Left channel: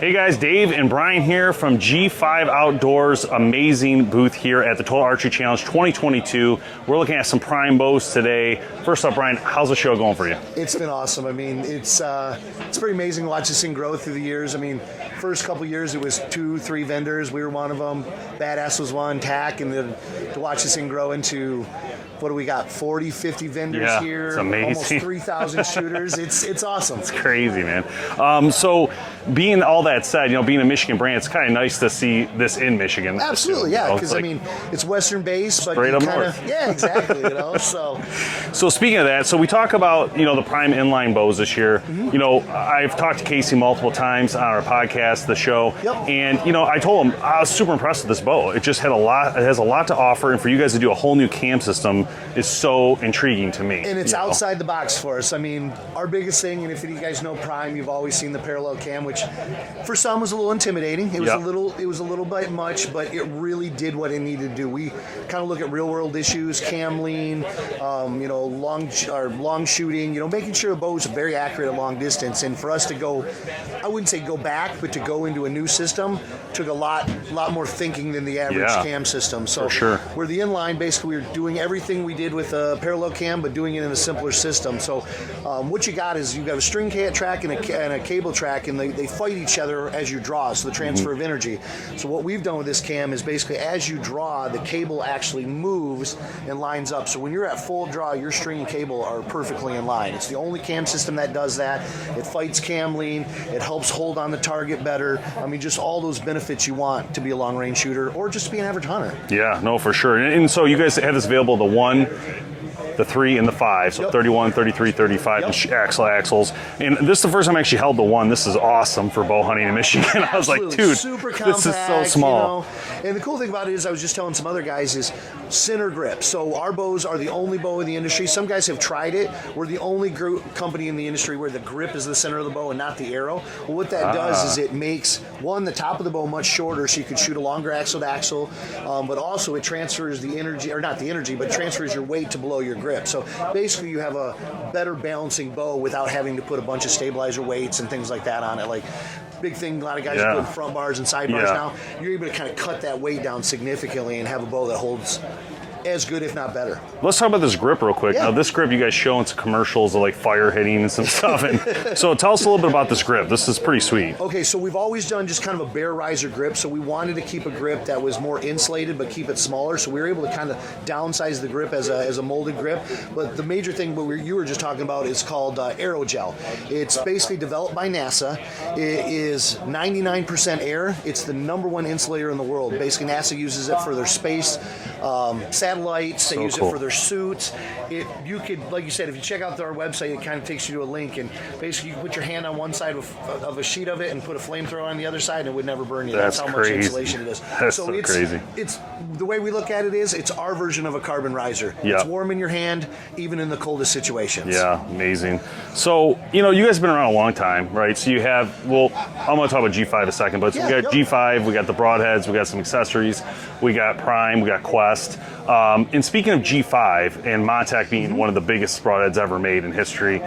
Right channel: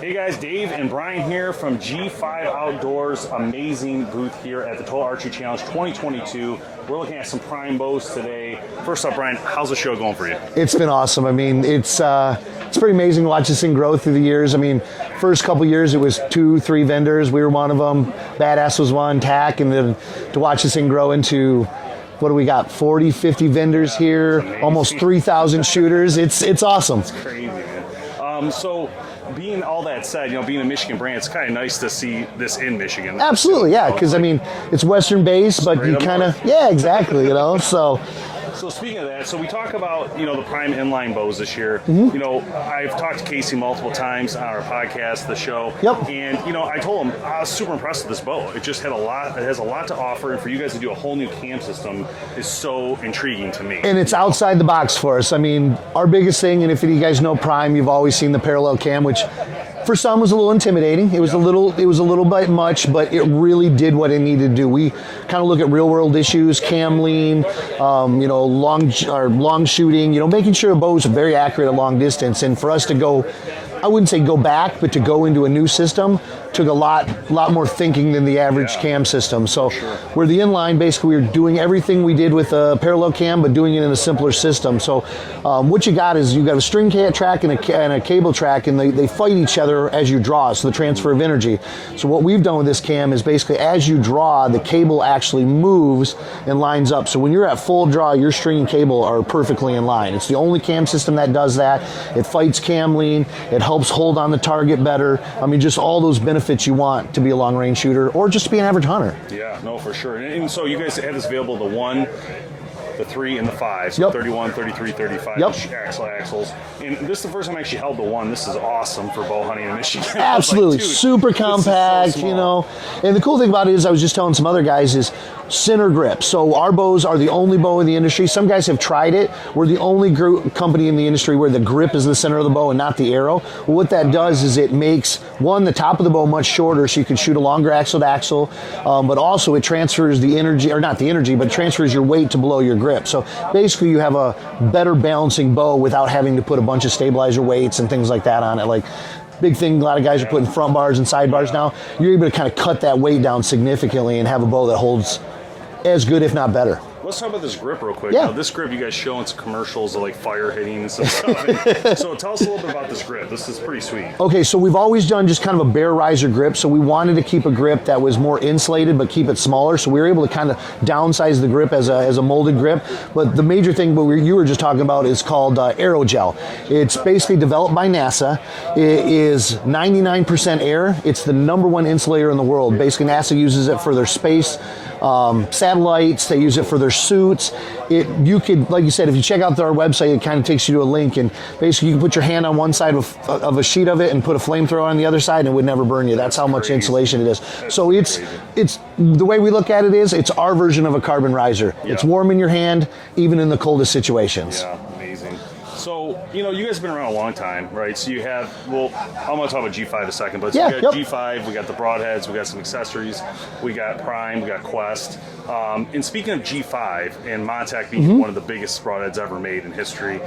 Hey guys, Dave and Brian here from G5 Outdoors, amazing booth here at the Total Archery Challenge 2022. We're looking at some prime bows today. First up, Brian, how's the show going for you? It's been awesome. I mean, it's pretty amazing to watch this thing grow through the years. I mean, first couple years it was 2-3 vendors. We were one of them. Badass was one, TAC, and then to watch this thing grow into, what do we got, 40, 50 vendors here, almost 3,000 shooters. It's awesome. It's crazy, man. So being all that said, being a Michigan brand, it's kind of nice to see this in Michigan. Absolutely, yeah, because I mean, it's Western based, but you kind of, yeah, exactly, So speaking of that, so we talk about, the prime inline bows this year. Mm-hmm. I've talked to Casey multiple times on our podcast, the show. Yep. And, I told him I was super impressed with this bow. It just had it has a lot to offer, and for you guys to do a whole new cam system is so intriguing to me. And it's outside the box for us. I mean, our biggest thing, and if you guys know Prime, you've always seen the parallel cam, which for some was a little intimidating. It was a little bit much, but it really did what it needed to do. We kind of look at real world issues, cam lean, long shooting, making sure a bow is very accurate at long distance. And for us to go, I wouldn't say go back, but to go into a new system took a lot more thinking than the average cam system. So we're the inline, basically we're doing everything we did with a parallel cam, but doing it in a simpler system. So what you got is you got a string track and a cable track, and they fight each other as you draw, so the transfer of energy. So what we've done with this cam is basically as you draw, the cable actually moves and lines up. So when you're at full draw, your string and cable are perfectly in line. It's the only cam system that does that. It fights cam lean. It helps hold on the target better. I mean, just all those benefits you want to be a long-range shooter or just to be an average hunter. Yeah, no, for sure. And so you guys have this available, the 1, the 3, and the 5. So 31, 33, 35 axles. And this is the first time I actually held the 1. This is awesome for bow hunting in Michigan. Absolutely. Like, super compact, this is so small. And the cool thing about it is, I was just telling some other guys, is center grip. So our bows are the only bow in the industry. Some guys have tried it. We're the only company in the industry where the grip is the center of the bow and not the arrow. Well, what that does is it makes, one, the top of the bow much shorter, so you can shoot a longer axle to axle, but also it transfers the energy, or not the energy, but transfers your weight to below your grip. So basically you have a better balancing bow without having to put a bunch of stabilizer weights and things like that on it. Like, big thing, a lot of guys are putting front bars and side bars now. You're able to kind of cut that weight down significantly and have a bow that holds as good, if not better. Let's talk about this grip real quick. Now, this grip you guys show in some commercials of like fire hitting and some stuff. And so tell us a little bit about this grip. This is pretty sweet. Okay, so we've always done just kind of a bare riser grip. So we wanted to keep a grip that was more insulated, but keep it smaller. So we were able to kind of downsize the grip as a molded grip. But the major thing you were just talking about is called aerogel. It's basically developed by NASA. It is 99% air. It's the #1 insulator in the world. Basically, NASA uses it for their space satellites. They use it for their suits. You could, like you said, if you check out our website, it kind of takes you to a link, and basically you can put your hand on one side of a sheet of it and put a flamethrower on the other side, and it would never burn you. That's how much insulation it is. So it's the way we look at it is it's our version of a carbon riser. It's warm in your hand, even in the coldest situations. Yeah, amazing. So, you guys have been around a long time, right? So you have, I'm going to talk about G5 a second, but so we got G5, we got the Broadheads, we got some accessories, we got Prime, we got Quest. And speaking of G5 and Montec being one of the biggest Broadheads ever made in history,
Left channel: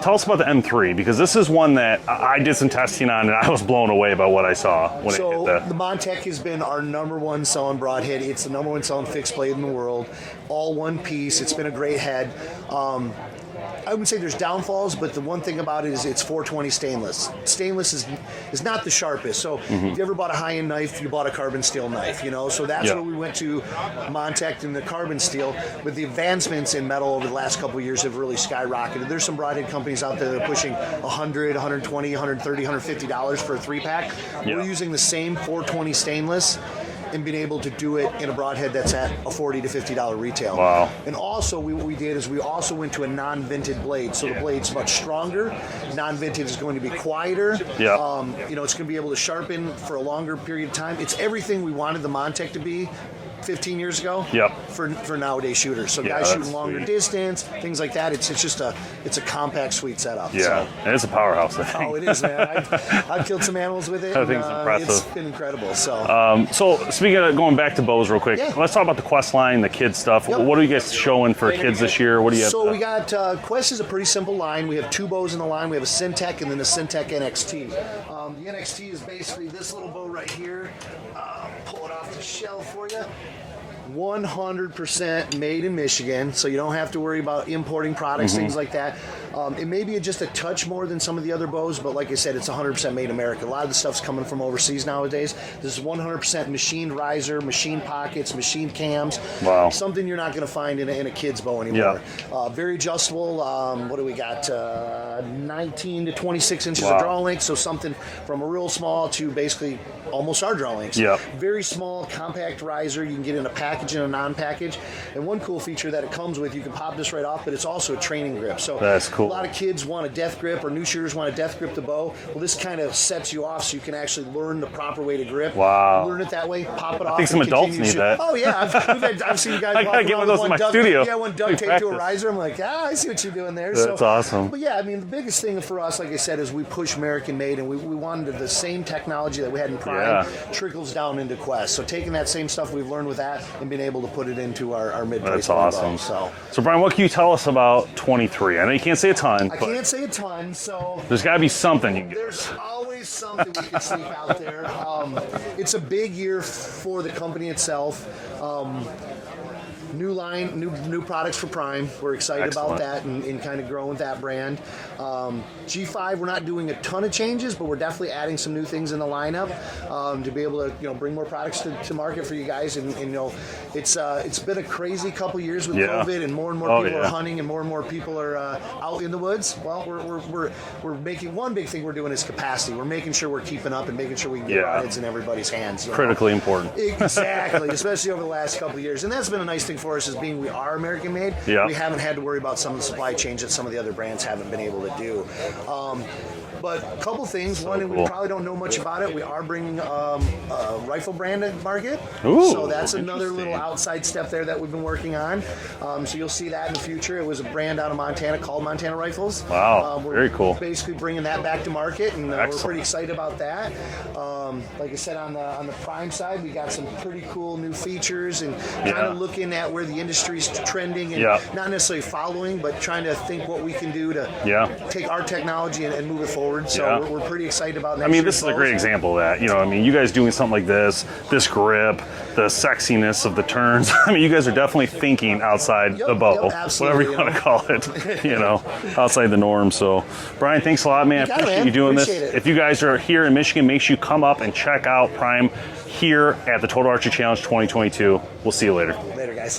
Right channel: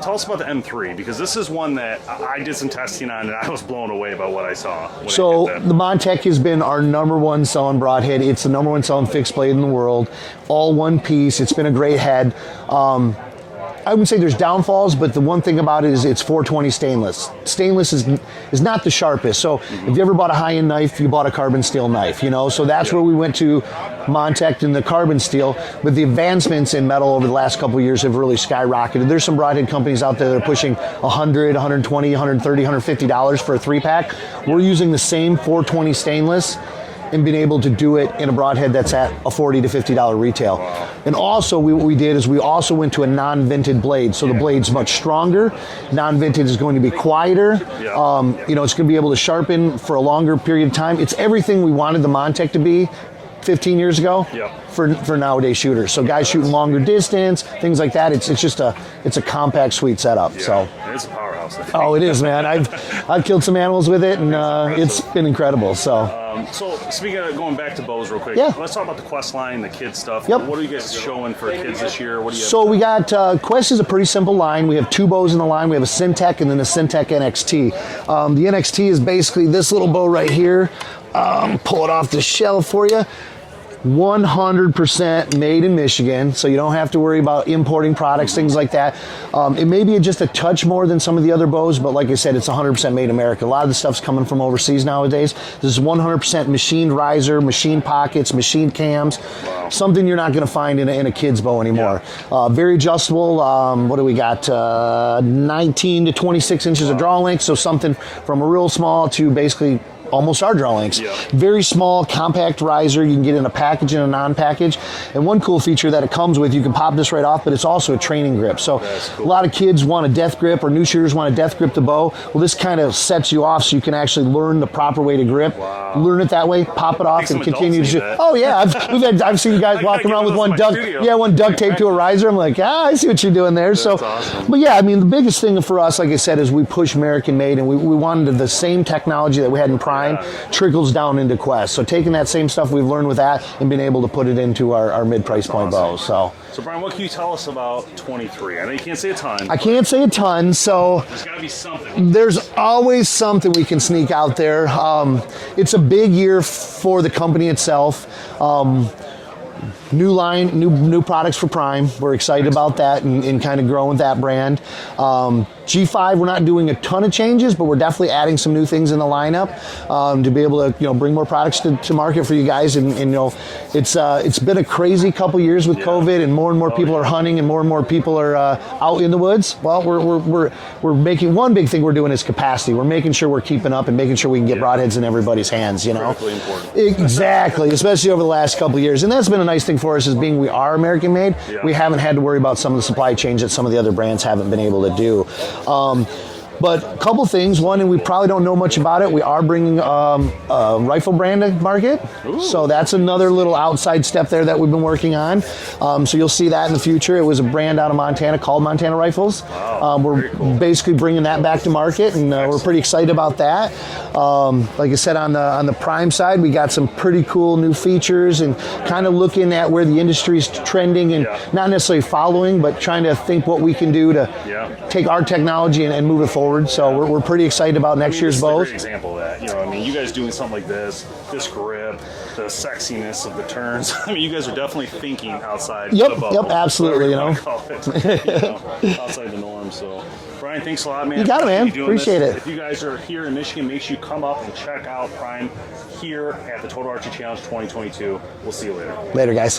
tell us about the M3, because this is one that I did some testing on and I was blown away by what I saw. So the Montec has been our #1 selling Broadhead. It's the #1 selling fixed blade in the world, all one piece. It's been a great head. I would say there's downfalls, but the one thing about it is it's 420 stainless. Stainless is not the sharpest. So if you ever bought a high-end knife, you bought a carbon steel knife, So that's where we went to Montec and the carbon steel. But the advancements in metal over the last couple of years have really skyrocketed. There's some Broadhead companies out there that are pushing $100, $120, $130, $150 for a 3-pack. We're using the same 420 stainless and being able to do it in a Broadhead that's at a $40 to $50 retail. Wow. And also what we did is we also went to a non-vented blade. So the blade's much stronger. Non-vented is going to be quieter. It's going to be able to sharpen for a longer period of time. It's everything we wanted the Montec to be, 15 years ago Yep. for nowadays shooters. So Yeah, guys shooting that's longer distance, things like that. It's just a compact, sweet setup. Yeah, So. and it's a powerhouse. I think. Oh, it is, man. I've killed some animals with it, and Everything's it's been incredible. So. So speaking of going back to bows real quick, Yeah. let's talk about the Quest line, the kids stuff. Yep. What are you guys showing for kids this year? What do you have? So we got Quest is a pretty simple line. We have 2 bows in the line. We have a Syntech and then a Syntech NXT. The NXT is basically this little bow right here. Pull it off the shelf for you. 100% made in Michigan, so you don't have to worry about importing products, things like that. It may be just a touch more than some of the other bows, but like I said, it's 100% made in America. A lot of the stuff's coming from overseas nowadays. This is 100% machined riser, machined pockets, machined cams. Wow. Something you're not going to find in a kid's bow anymore. Very adjustable. What do we got? 19 to 26 inches of draw length, so something from a real small to basically almost our draw lengths. Yep. Very small, compact riser. You can get in a package and a non-package. And one cool feature that it comes with, you can pop this right off, but it's also a training grip. So that's cool. A lot of kids want a death grip, or new shooters want a death grip the bow. Well, this kind of sets you off so you can actually learn the proper way to grip. Wow. Learn it that way, pop it off, and continue to shoot. That. Oh yeah, I've seen you guys walking around with one duct tape to a riser. I'm like, I see what you're doing there. That's awesome. But yeah, I mean, the biggest thing for us, like I said, is we push American made, and we wanted the same technology that we had in Prime trickles down into Quest. So taking that same stuff we've learned with that and being able to put it into our mid-price point bows. So Brian, what can you tell us about 23? I know you can't say a ton. I can't say a ton, so there's got to be something. There's always something we can sneak out there. It's a big year for the company itself. New line, new products for Prime. We're excited about that and kind of growing that brand. G5, we're not doing a ton of changes, but we're definitely adding some new things in the lineup to be able to bring more products to market for you guys. And it's been a crazy couple years with COVID, and more people are hunting, and more people are out in the woods. Well, we're making one big thing we're doing is capacity. We're making sure we're keeping up and making sure we can get broadheads in everybody's hands. Critically important. Exactly, especially over the last couple of years, and that's been a nice thing for us, is being we are American made. We haven't had to worry about some of the supply chains that some of the other brands haven't been able to do. But a couple things. One, and we probably don't know much about it, we are bringing a rifle brand to market. Ooh. So that's another little outside step there that we've been working on. So you'll see that in the future. It was a brand out of Montana called Montana Rifles. Wow, we're very cool. basically bringing that back to market, and we're pretty excited about that. Like I said, on the Prime side, we got some pretty cool new features, and kind of looking at where the industry's trending, and not necessarily following, but trying to think what we can do to take our technology and move it forward. So we're pretty excited about next year's bows. This is a great example of that. You guys doing something like this grip, the sexiness of the turns. I mean, you guys are definitely thinking outside the bubble. Yep, absolutely. Whatever you want to call it, outside the norm. So, Brian, thanks a lot, man. You got it, man. You doing Appreciate this. it. If you guys are here in Michigan, make sure you come up and check out Prime here at the Total Archery Challenge 2022. We'll see you later. Later, guys.